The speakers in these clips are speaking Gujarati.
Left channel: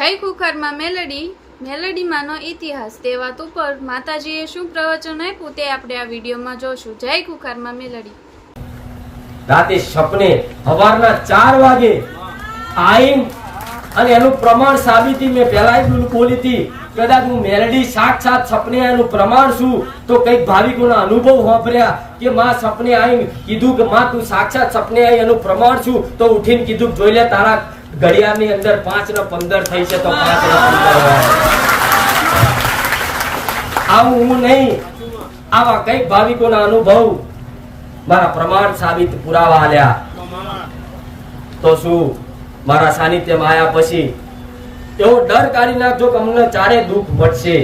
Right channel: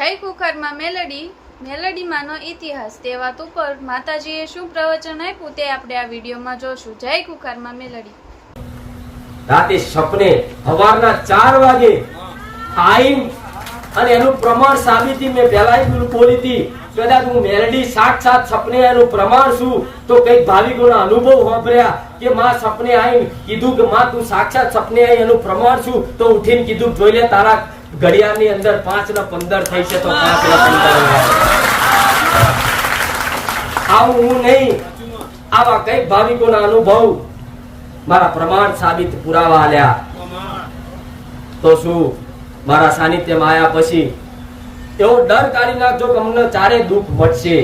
જય કુકરમાં મેલડી. મેલડીમાંનો ઇતિહાસ તે વાત ઉપર માતાજીએ શું પ્રવચન આપ્યું તે આપણે આ વિડીયોમાં જોશું. જય કુકરમાં મેલડી. રાતે સપને સવારના ચાર વાગે આઈમ અને એનું પ્રમાણ સાબિતી મેં પહેલા બોલી હતી. કદાચ હું મેલડી સાક્ષાત સપને એનું પ્રમાણ છું તો કંઈક ભાવિકોના અનુભવ વાપર્યા કે માં સપને આઈ કીધું કે માં તું સાક્ષાત સપને આઈ એનું પ્રમાણ છું તો ઉઠીને કીધું જોઈ લે તારા ઘડિયાળની અંદર પાંચ ને પંદર થઈ છે તો પાંચ ને પંદર આવું હું નહીં. આવા કઈ ભાવિકોના અનુભવ મારા પ્રમાણ સાબિત પુરાવા આલ્યા. તો શું? મારા સાનિધ્યમાં આવ્યા પછી એવો ડર કાઢી નાખજો કે અમને ચારે દુઃખ મળશે.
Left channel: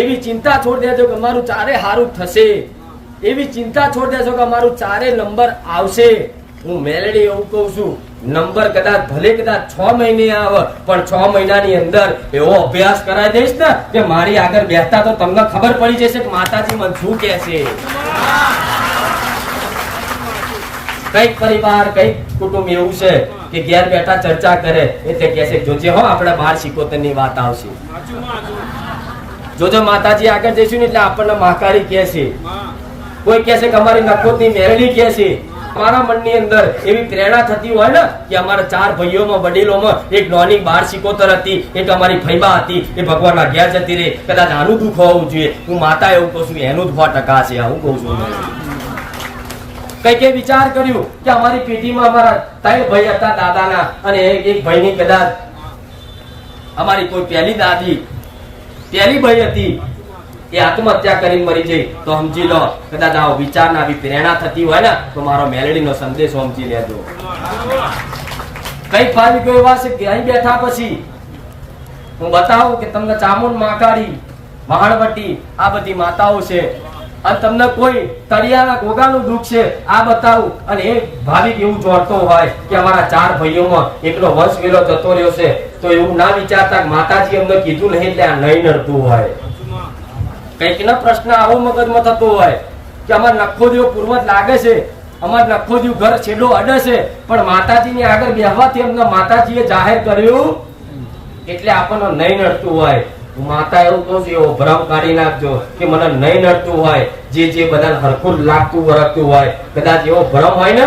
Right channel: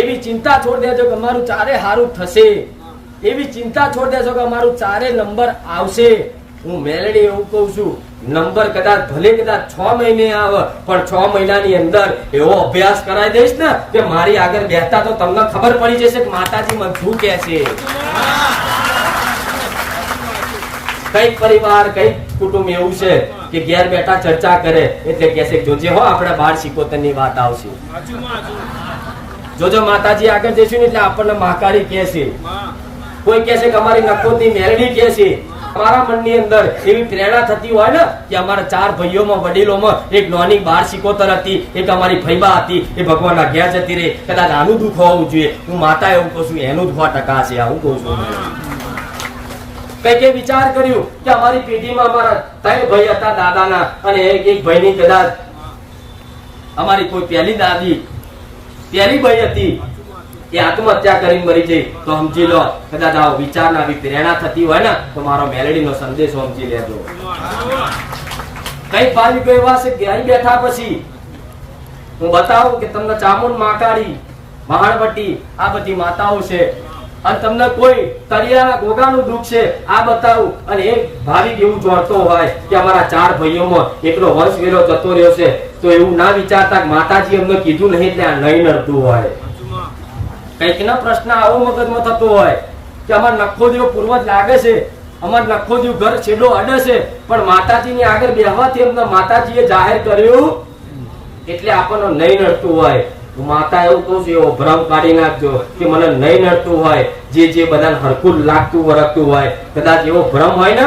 એવી ચિંતા છોડી દેજો કે અમારું ચારે સારું થશે. એવી ચિંતા છોડી દેજો કે અમારું ચારે નંબર આવશે. હું મેલેડી એવું કહું છું. નંબર કદાચ ભલે કદાચ છ મહિને આવે, પણ છ મહિનાની અંદર એવો અભ્યાસ કરાવી દઈશ ને કે મારી આગળ બેસતા તો તમને ખબર પડી જશે કે માતાજી મને શું કે છે. કંઈક પરિવાર, કંઈક કુટુંબ એવું છે કે ઘેર બેઠા ચર્ચા કરે એટલે કે છે જોજે હો, આપણે બાર શીખોતરની વાત આવશે. જોજો માતાજી આગળ જઈશું ને એટલે આપણને માકારી કે છે. કોઈ કે છે કે અમારી નખોદની મેરડી કે છે. મારા મનની અંદર એવી પ્રેરણા થતી હોય ને કે અમારા ચાર ભાઈઓમાં, વડીલોમાં એક નોની બાર શિકોતર હતી, એક અમારી ફૈબા હતી, એ ભગવાનના ઘેર જતી રહી. કદાચ આનું દુઃખ હોવું જોઈએ. હું માતા એવું કહું છું, એનું જ ટકા છે. આવું કહું છું કઈ કઈ વિચાર કર્યું કે અમારી પેઢીમાં અમારા ત્રણ ભાઈ હતા, દાદાના, અને એક એક ભાઈની કદાચ અમારી કોઈ પહેલી દાદી, પહેલી ભાઈ હતી. એ આત્મહત્યા કરી મરી જઈ, તો સમજી લો, કદાચ આવો વિચાર આવી પ્રેરણા થતી હોય ને, તો મારો મેલેડીનો સંદેશો સમજી લેજો. કઈ ભાવિકો એવા છે અહીં બેઠા પછી? હું બતાવું કે તમને ચામુન માકાડી, વહાણવટી, આ બધી માતાઓ છે. અને તમને કોઈ તળિયાના ગોગાનું દુઃખ છે, આ બતાવું. અને એક ભાવિક એવું જોડતો હોય કે અમારા ચાર ભાઈઓમાં એકનો વંશ વેલો જતો રહ્યો છે, તો એવું ના વિચારતા માતાજી અમને કીધું નહીં એટલે આ નહીં નડતું હોય. કંઈક ના પ્રશ્ન આવો મગજમાં થતો હોય કે અમાર નખોદીઓ પૂર્વજ લાગે છે અમાર નખો નખોદીઓ ઘર છેલ્લો અડે છે, પણ માતાજીની આગળ બેહવાથી એમને માતાજીએ જાહેર કર્યું એટલે આપણને નહીં નડતું હોય. માતા એવું કહું છું, એવો ભ્રમ કાઢી નાખજો કે મને નહીં નડતું હોય. જે જે બધાને હરખું લાગતું વરખતું હોય, કદાચ એવો ભ્રમ હોય ને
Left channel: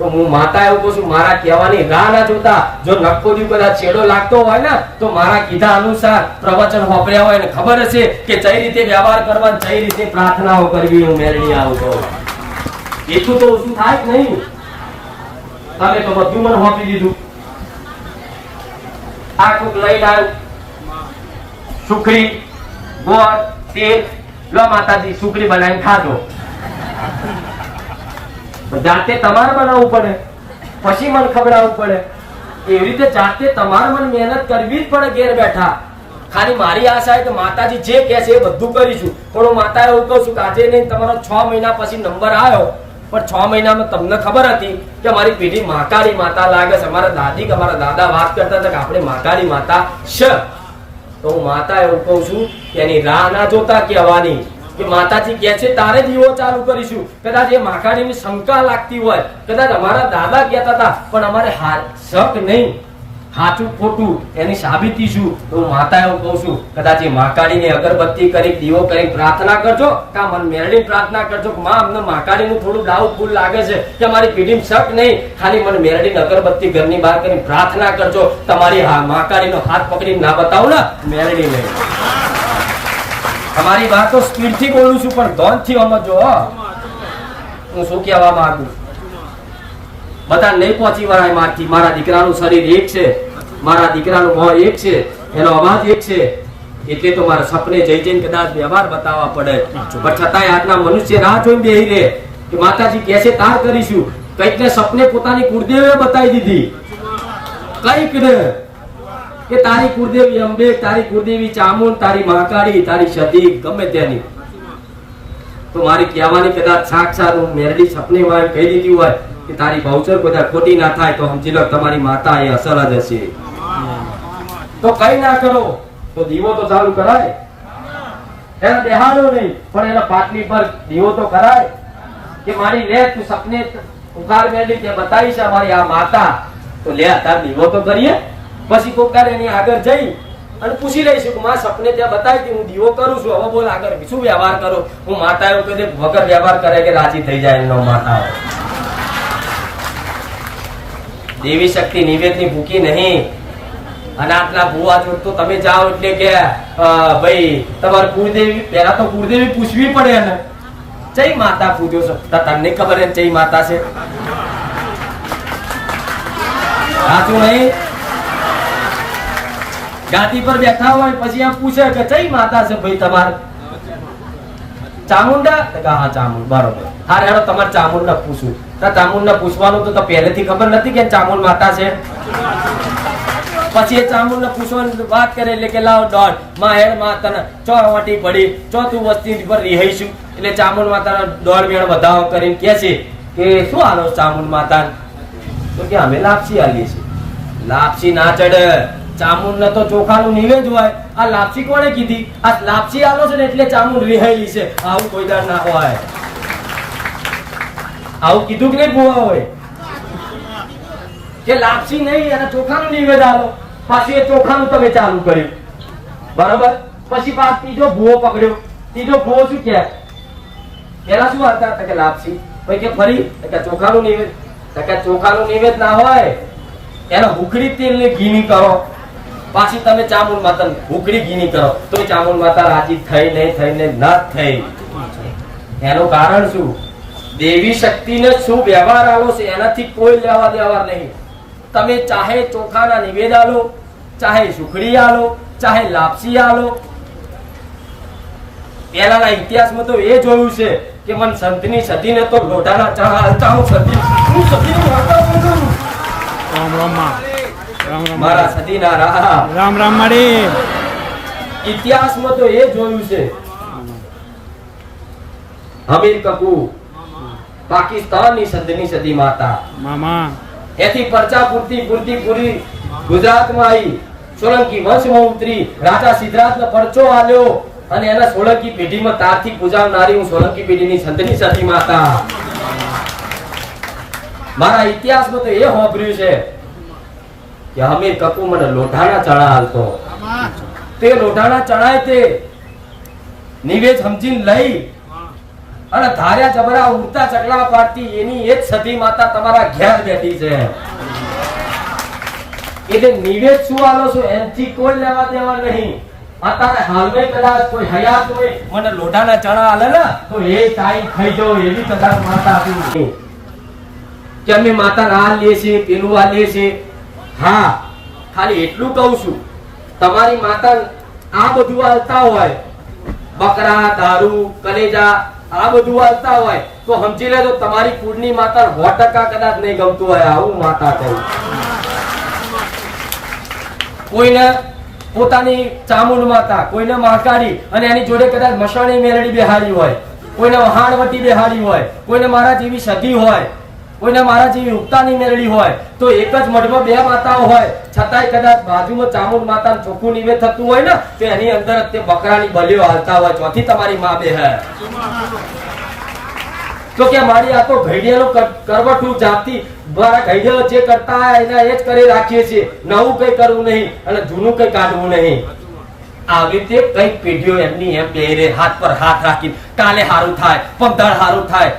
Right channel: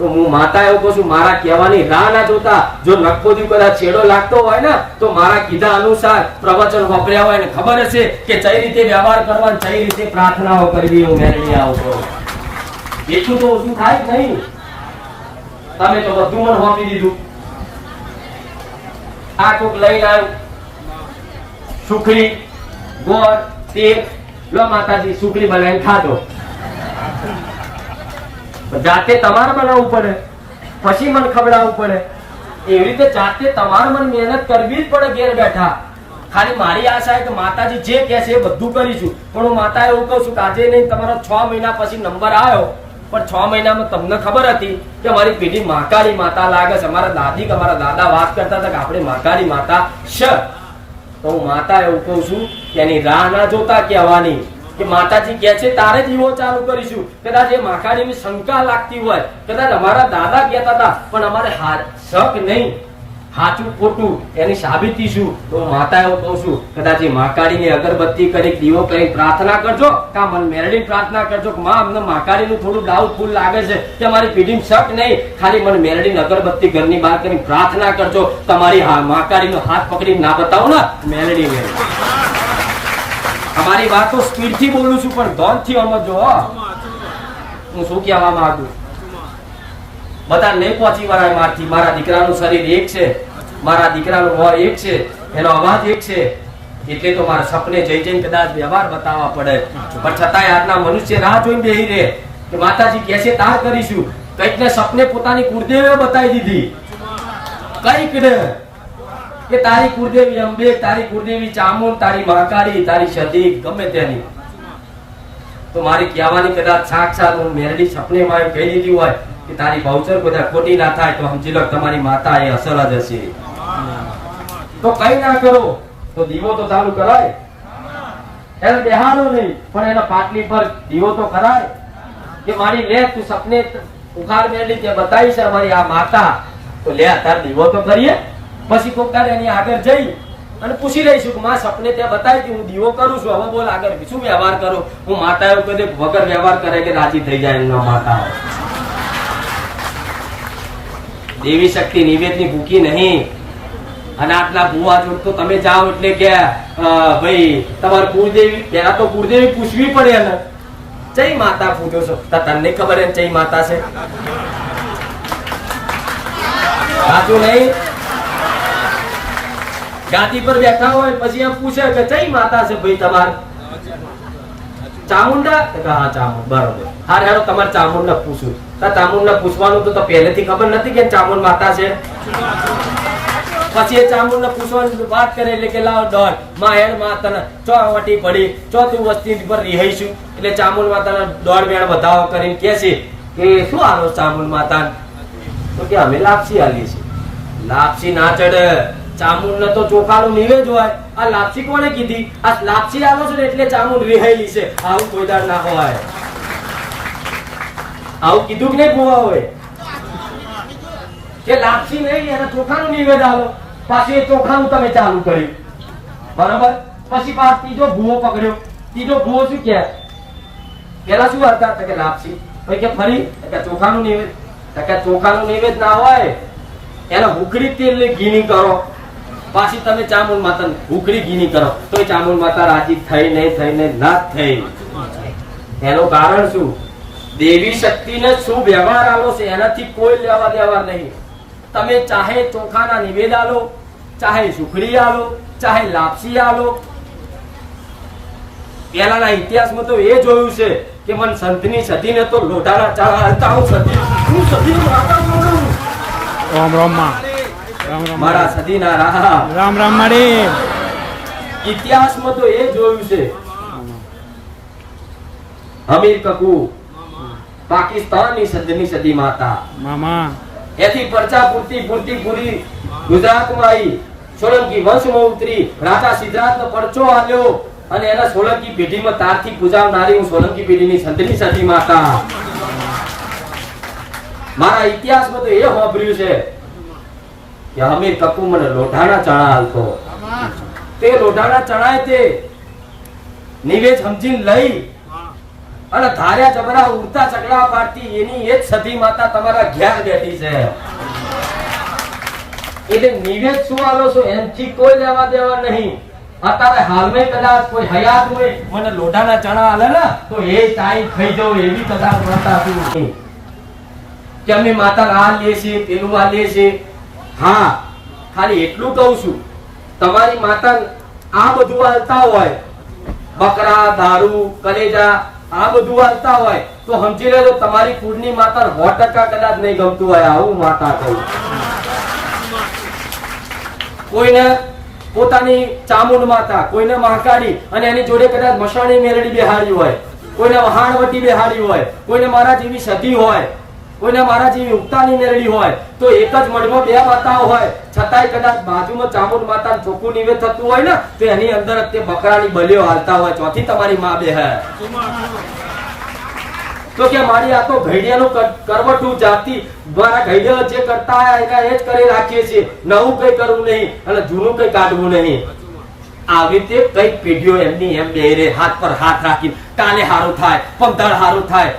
તો હું માતા એવું કહું છું, મારા કહેવાની રાહ ના જોતા જો નક્કો દીવ કદાચ છેડો લાગતો હોય ને, તો મારા કીધા અનુસાર પ્રવચન વાપર્યા હોય ને ખબર હશે કે કઈ રીતે વ્યવહાર કરવા કઈ રીતે પ્રાર્થનાઓ કરવી હું મેળવી આવું કહું. એટલું તો ઓછું થાય જ નહીં. તમે તો બધું મને વાપરી દીધું. આ કોક લઈ આવ. સુખડી, ગોળ, તેલ, લો માતાજી, સુખડી બનાવીને ખાધો. જાતે તમારે બનાવવું પડે. પછી મને ખવડાવવું પડે. એવી રીતે જાતે તમારે મને મહેનત કરવી જ પડે ઘેર બેઠા. ખાલી મારી આશા છે કે માતાજી જે કહે છે એ બધું કરીશું પણ હું માતા એવું કહું છું કે આજે નહીં, તમારો છ મહિના પછી નંબર આવ્યો પણ છ મહિનામાં તમને ખબર હતી કે મારી પેઢી મહાકાળી માતા લાગે છે. અમારા દાદી કે અમારા દાદા વાત કરતા હતા કે આપણે મહાકાળી માતા છે તો હું માતા એવું કહું છું કે એની રાહ ના જોતા કહેવાની. કે માતાજી કહે છે, તારે દીવો ચાલુ કરીશું. કદાચ એ માકાળીની શંકા લાગતી હોય, કદાચ અમારા દાદા કહેતા હતા, પણ અમારે શક નહીં. સાચું ખોટું, એની સાબિતી શું? તો હું માતા એવું કહું છું, કદાચ એ મહાકાળીની અગરબત્તી કરી દીવો કરી પ્રાર્થના કરજો, કા મન મેળવી પ્રાર્થના કરજો કે, માં, અમને મહાકાળીનું થોડું ડાઉટફુલ લાગે છે, કે અમારી પીઢીને શક નહીં. ખાલી મને મેળવીને અગરબત્તી ઘરની બહાર કરીને પ્રાર્થના કરજો. તમારી મહાકાળીનો હાથ પકડીને ના બતાવો ને મેળવી નહીં તમારી વાત સ્પીડથી બોલું છું, પણ ધોનથી સમજો હું. શું કહેવા માંગુ? બધા નહીં પહોંચી વળાય મારથી, મારા દીકરાનું શરીર એક છે, મારા દીકરાનું મોં એક છે, એનો અવાજ એક છે. એટલે તો મારા સપને જઈ જઈને કદાચ વ્યવહાર બતાવવા પડે. પણ છતાંય આજના મનુષ્ય રાહ જોઈને બેહી રહે. કે માતાજી કેસે તાર કરીશું. કંઈક ને સપને પોતાની કુળદેવે બતાવી દીધી. કંઈક ને કે તારી કુળદેવી અંબે, તારી કુળદેવી ચામુંડ, તારી મહાકાળી, તારી સદી ગમે તેની. તો મારી કહેવાની કદાચ સાક્ષાત હું મેરડી સપને માં કહી દીધી હોય કે તારી ભાવચર બધા ખોટી ના થાય તો સમજી લો તમારી માતા એ અસલ જ હશે. તો કઈ ના કરો, તો દીવો તો ચાલુ કરાય. એને દેહાડો નહીં, પણ એના પાટલી પર દીવો તો કરાય. કે મારી લે તું સપને ઉખાડ મેળવી તે બતાવી છે અમારી આ માતા. તો લે, તાર દીવો તો કરીએ. પછી કોક તારે એની આગળ જઈ અને પૂછી લઈશું કે માં સપને ત્યાં બતાવી હતી હું દીવો કરું છું, હવે બોલ આગળ શું વ્યવહાર કરો? હું માતા એવું કહી વગર વ્યવહાર કરે કે રાજી થઈ જાય એમનો માતા દેવી શક્તિ નિવેદની ભૂકી નહીં. અનાથના ભુવા જોડ તો તમે જાઓ એટલે કે ભાઈ, તમારે કુળદેવી પેલા તો કુળદેવી પૂછવી પડે ને જય માતા પૂજો છો? તો તને ખબર હે જય માતા છે? સાચું નહીં? ગાદી પર બેઠા હોય, પછી એમ પૂછે કે જય માતા છે ભાઈ તમારે? ચામુંડા? તો હા, ચામુંડ, બરોબર. હા હેડો તમારે ચામુંડ પૂછું તો ચામુંડ પૂછવાનું તો પહેલેથી ખબર નથી કે ચામુંડ માતા છે. પછી એ ચામુંડ પૂછવાની વાત કરે એટલે કે લાવ દોડ. માં હેરમાં તને ચો વટી પડી. ચો તું વસ્તી પર રિહાઈશું. એટલે ચામુંડ માતાના દોડ વેણ વધાવો કરીને કે છે કે, શું આલો ચામુંડ માતા તો કે, અમે લાપસી આલી છે લાપસી ના ચડે. ચામુંડ તો ચોખાનું નિવેદ હોય. આ લાપસી કોને કીધી? આ લાપસી આલો છે ને એટલે ચામુંડ રિહાયેલી છે. આવું કોઈ દાર ના હોય. આવું કીધું કે નહીં ગોવા હોય કે લાપસી નહીં, અને ચોખાનું નિવેદ આલો. પાછું એ ચોખાનું તમે ચાલુ કર્યું. બરોબર? પછી પાછ ત્રીજો ભૂવો પકડ્યો. ત્રીજો ભૂવો શું કહે પેલા શું હતા કે લાપસી? કે ફરી કે ચોખાનું નિવેદ. કે ચોખાનું નિવેદ ના હોય. એના હુકડી તેલ ને ઘીની કરો. પાછી તમે ચામુંડ માતા ભૂખડી ગીની કરો તો ચામુંડ માતા રાજી થઈ નહીં થઈ ને થઈ. એનું કારણ શું? દેવી શક્તિને શું વ્યવહાર આવો છે, એનાથી કોઈ લેવા દેવા નહીં. તમે ચાહે ચોખાના નિવેદ આલો, ચાહે સુખડી આલો, ચાહે લાપસી આલો. પહેલાના ઇતિહાસમાં તો એ જોયું છે કે મન સંતની સતીને તો લોટાના ચા હાલતા હું સદી હું સતીનો માતા બોલું. રામ રામ મારા સતીના રાહા રામ રામ માળી ઇતિહાસમાં તો એ જોયું છે. હમીર કપૂર પાકિસ્તાનની સદની સતી માતા. મામા. એથી પરચા પૂરતી પૂરતી પૂરી ગુજરાતમાં આવી સોલંકી વંશમાં ઉતરી. રાજા સિદ્ધરાજનો પરચો આલ્યો અને એના સોલંકી પેઢીમાં તારથી પૂજાવનારી હું સોલંકી પેઢીની સંતની સતી માતા. મારા ઇતિહાસમાં તો એ હોભર્યું છે. કે હમીર કપૂર મને લોઢાના ચણા હાલતો. તે લોઢાના ચણાય તે નિવેદ સમજીને લઈ અને ધાર્યા જબરા ઉડતા ચકલા પાડતી એની એ જ સતી માતા તમારા ઘેર બેઠી છે. એટલે નિવેદ શું આલો છો? એનથી કોઈ લેવા દેવા નહીં. અત્યારે હાલમાં કદાચ કોઈ હયાત હોય, મને લોઢાના ચણા આલે ને, તો એ ટાઈમ થઈ જાવ, એવી કદાચ માતા હતી કે અમે માતા આ લે છે, પેલું આ લે છે. હા, ખાલી એટલું કહું છું. તમારી માતા આ બધું હાલતા હોય, બકરા, દારૂ, કલેજા, આ બધું હાલતા હોય, તો સમજી લેજો તમારી કુળની માતા સો ટકા કદાચ નહીં ગમતું હોય આવું માતા કહું. કોઈને પોતાની ચામુંડ માતા, કોઈને મહાકાળી અને એની જોડે કદાચ મસાણી મેરડી બેહાડી હોય, કોઈને વહાણવટી બેહાડી હોય, કોઈને મારા જેવી સતી હોય કોઈને મારા જેવી ઉગતાની મેળવી હોય, તો એક જ મઢમાં બે માતાઓ હોય. છતાંય કદાચ બાજુમાં ચામુંડ માતા ચોખ્ખું નિવેદ થતું હોય ને, તો એની અંદર જ બકરાની બલીઓ હાલતા હોય. ચોથી તમારી મા બે હે. તો કે મારી આ તો ઘડિયાળું કર- કરવટું જાતિ દ્વારા ઘડિયાળો જે કરતા એના એ જ કરી રાખીએ છીએ. નવું કઈ કરવું નહીં અને જૂનું કઈ કાઢવું નહીં. આવી રીતે કઈ પેઢીઓ એમની એમ બે હાથ પર હાથ રાખી કાલે હારું થાય પંદર હારું થાય.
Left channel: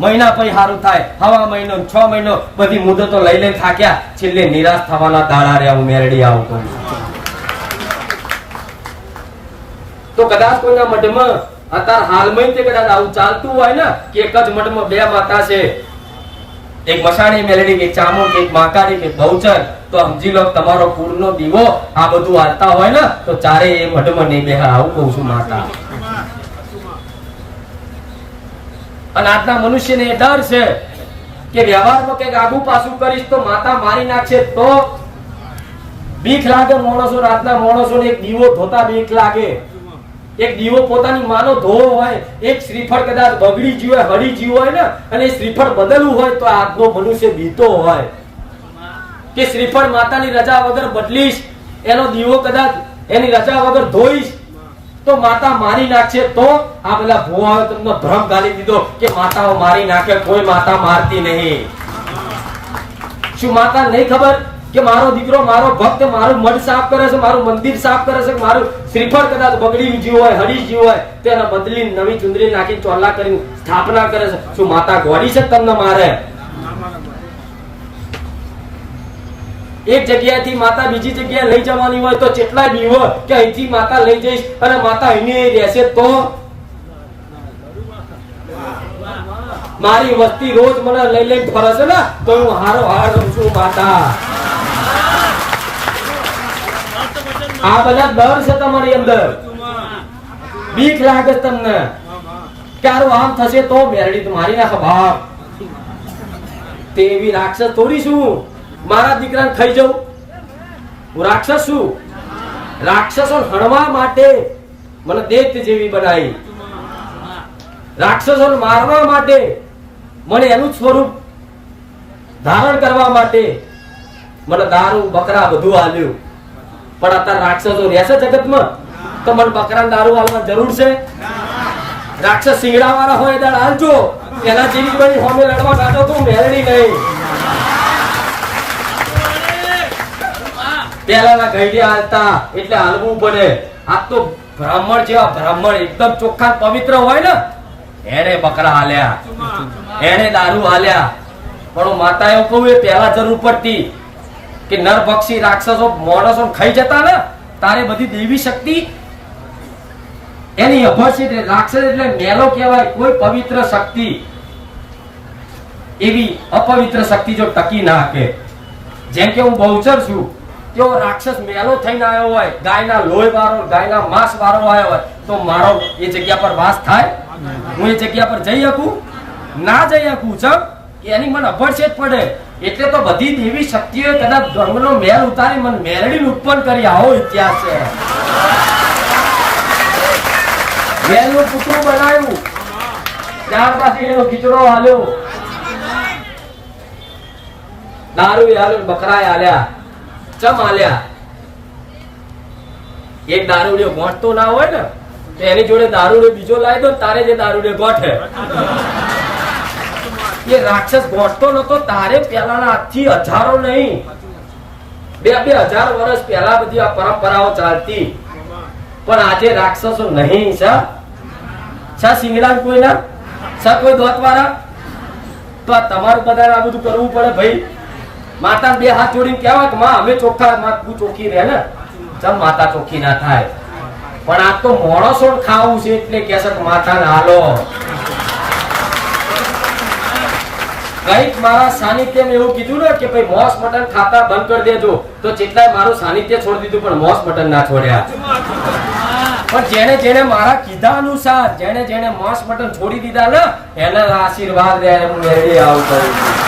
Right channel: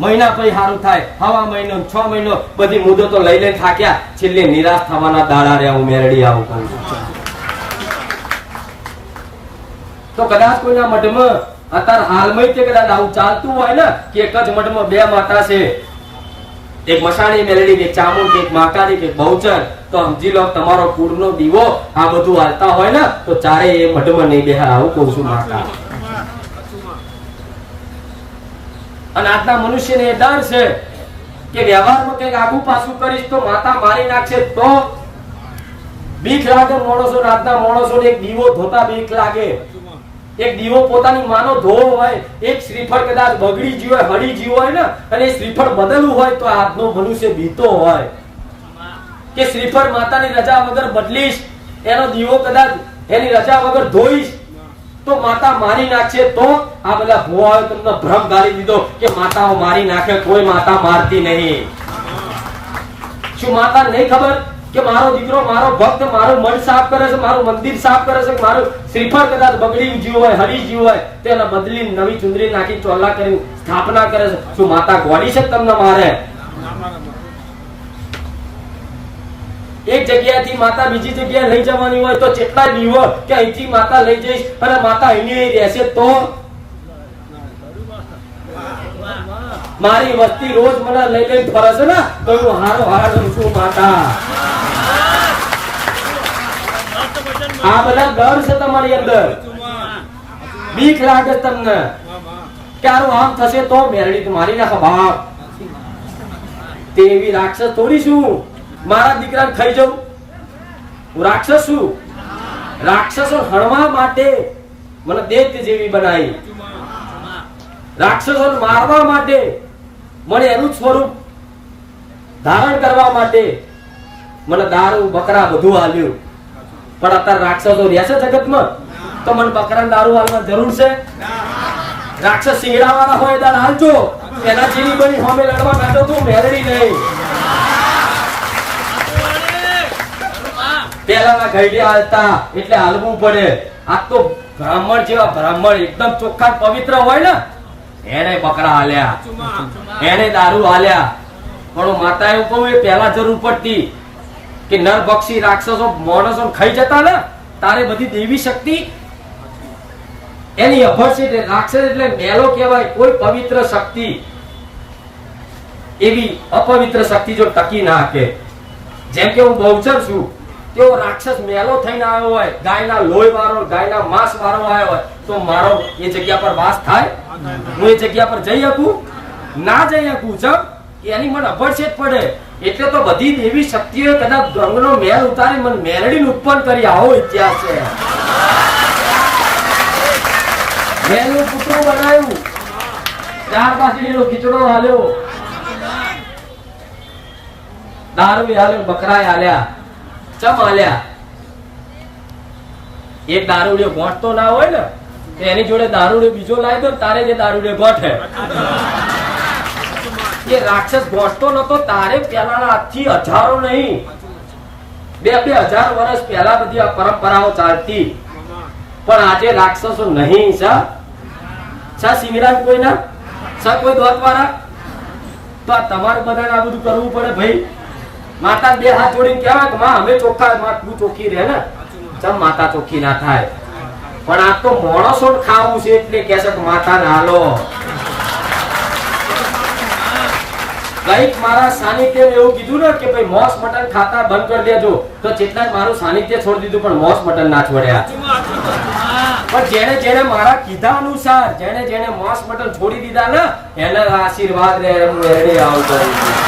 મહિના પછી સારું થાય. હવા મહિનો, છ મહિનો બધી મુદતો લઈ લઈને થાક્યા. છેલ્લે નિરાશ થવાના દાડા રહ્યા ઉમેરડી આવું કહું તો કદાચ કોઈના મઢમાં અત્યારે હાલમાં તે કદાચ આવું ચાલતું હોય ને, કે એક જ મઠમાં બે માતા છે. એક મસાણી મેલેડી, એક ચામુંડ, એક માકારી, એક બહુચર. તો સમજી લો, તમારો પૂરનો દીવો આ બધું હાલતા હોય ને, તો ચારે એ મઠમાં નહીં બેહા આવું કહું છું માતા. અને આજના મનુષ્યને એ ડર છે કે વ્યવહારમાં કંઈક આગુ પાછું કરીશ તો માતા મારી નાખશે તો બીક લાગે માણસો, રાતના માણસો એક દીવો ધોતા બીક લાગે. એક દીવો પોતાની માનો ધોવો હોય, એક શ્રીફળ કદાચ બગડી ગયું હોય, હળી ગયું હોય ને, અને એ શ્રીફળ બદલવું હોય તો આજનો મનુષ્ય બીતો હોય. કે શ્રીફળ માતાની રજા વગર બદલીશ, એનો દીવો કદાચ એની રજા વગર ધોઈશ તો માતા મારી નાખશે તો આ બધા ભુવાઓ તમને ભ્રમ ગાલી દીધો કે માતાઓ મારી નાખે, કોઈ માતા મારતી નહીં. શું માતા નહીં ખબર કે મારો દીકરો, મારો ભક્ત, મારું મઢ સાફ કરે છે, મારું મંદિર સાફ કરે છે, મારું શ્રીફળ કદાચ બગડી ગયું હોય હરી ગયું હોય, તો બદલી નવી ચુંદરી નાખી ચોલ્લા કરીને સ્થાપના કરે છે. શું માતા ગોડી છે તમને મારે? એક જગ્યાએથી માતા બીજી જગ્યાએ લઈ જવાની હોય તો કેટલા બીવો કે અહીંથી માતા લઈ જઈશ અને માતા અહીં રહેશે તો? મારી વસ્તી રોજ મને લઈ લઈને ફરે છે ને તો હારો, હાર છું માતા? આ બધા ડર છે તમારી અંદર. બીક લાગે તમને. ક્યારો આમ થશે તો મેરડી મારી નાખે બાપ. તેવી રાક્ષસ થોડી શું? મારા દીકરાને થઈ જાઉં? હું રાક્ષસ છું. રાક્ષસો હણવા માટે મને દેત જેવી બનાવી. રાક્ષસો મારવા માટે મને એનું સ્વરૂપ ધારણ કરવા માટે મને દારૂ, બકરા બધું હાલ્યું પણ અત્યારે રાક્ષસો રહેશે જગતમાં? તો મને બકરા દારૂ હાલવા જરૂર છે? રાક્ષસ સિંગડા વાળા હોય દાડ હાલજો એના જેવી બની હોમે લડવા બેઠો તું મેળડી નહીં પેલાના ઘડિયા હતા એટલે હાલવું પડે. આ તો બ્રાહ્મણ જેવા બ્રાહ્મણ, એકદમ ચોખ્ખા પવિત્ર હોય ને. એને બકરા હાલ્યા. એને દારૂ હાલ્યા. પણ માતા એવું કહું, એ પહેલા જરૂર પડતી કે નર પક્ષી રાક્ષસો માણસો ખાઈ જતા ને, તારે બધી દેવી શક્તિ? એની અભર છે રાક્ષસ એટલે મેલો કહેવાય, કોઈ પવિત્ર શક્તિ. એવી અપવિત્ર શક્તિ જો ટકી ના કે જેમ કે હું બહુચર છું તેઓ રાક્ષસ મેલો થઈને આવ્યો હોય, ગાયના લોહી વાળો ગાયના માંસ વાળો આવ્યો હોય, તો મારો એ જગ્યા પર વાસ થાય? હું એ જગ્યા પર જઈ શકું? ના જઈ શકું, જમ? એની મને અભડછેદ પડે. એટલે તો બધી દેવી શક્તિઓ કદાચ ગંગનો મેલ ઉતારી મને મેલડીને ઉત્પન્ન કરી. આવો ઇતિહાસ છે. મેલનું પૂતળું બનાવ્યું. ત્યાર પછી એનો ખીચડો હાલ્યો. દારૂ હાલ્યો બકરાય હાલ્યા. ચમ આલ્યા એક દારૂડિયો ગોઠતો ના હોય ને, તો એની જોડે દારૂડિયો બીજો લાવી દો તારે જે દારૂડિયો ગોઠે એ રાક્ષસ ગોઠતો નતો તારે પેલાના આજથી હજારો નહીં. બે બે હજાર વર્ષ પહેલા બધી આ પરંપરાઓ ચાલતી. પણ આજે રાક્ષસો નહીં સા સા સિંગરાજ કોઈના? સા કોઈ દોતવાળા તો આ તમારે બધાને આ બધું કરવું પડે ભાઈ. માતા બે હાથ જોડીને કહેવાય કે, માં, અમે ચોખ્ખા, માં, તું ચોખ્ખી રહે ને. ચમ માતા ચોખ્ખી ના થાય? પણ આ તો માણસો ખાવું છે એટલે કે છે માતા ને હાલો. કંઈક મારા સાનિધ્યમ એવું કીધું ને કે, ભાઈ, મોસ મટન ખાતા બંધ કરી દેજો. તો જેટલાય મારું સાનિધ્ય છોડી દીધું, પણ મોસ મટન ના છોડ્યા. પણ જેને જેને મારા કીધા અનુસાર જેને જેને મોસ મટન છોડી દીધા ને, એના આશીર્વાદ રહે હું આવું કરું છું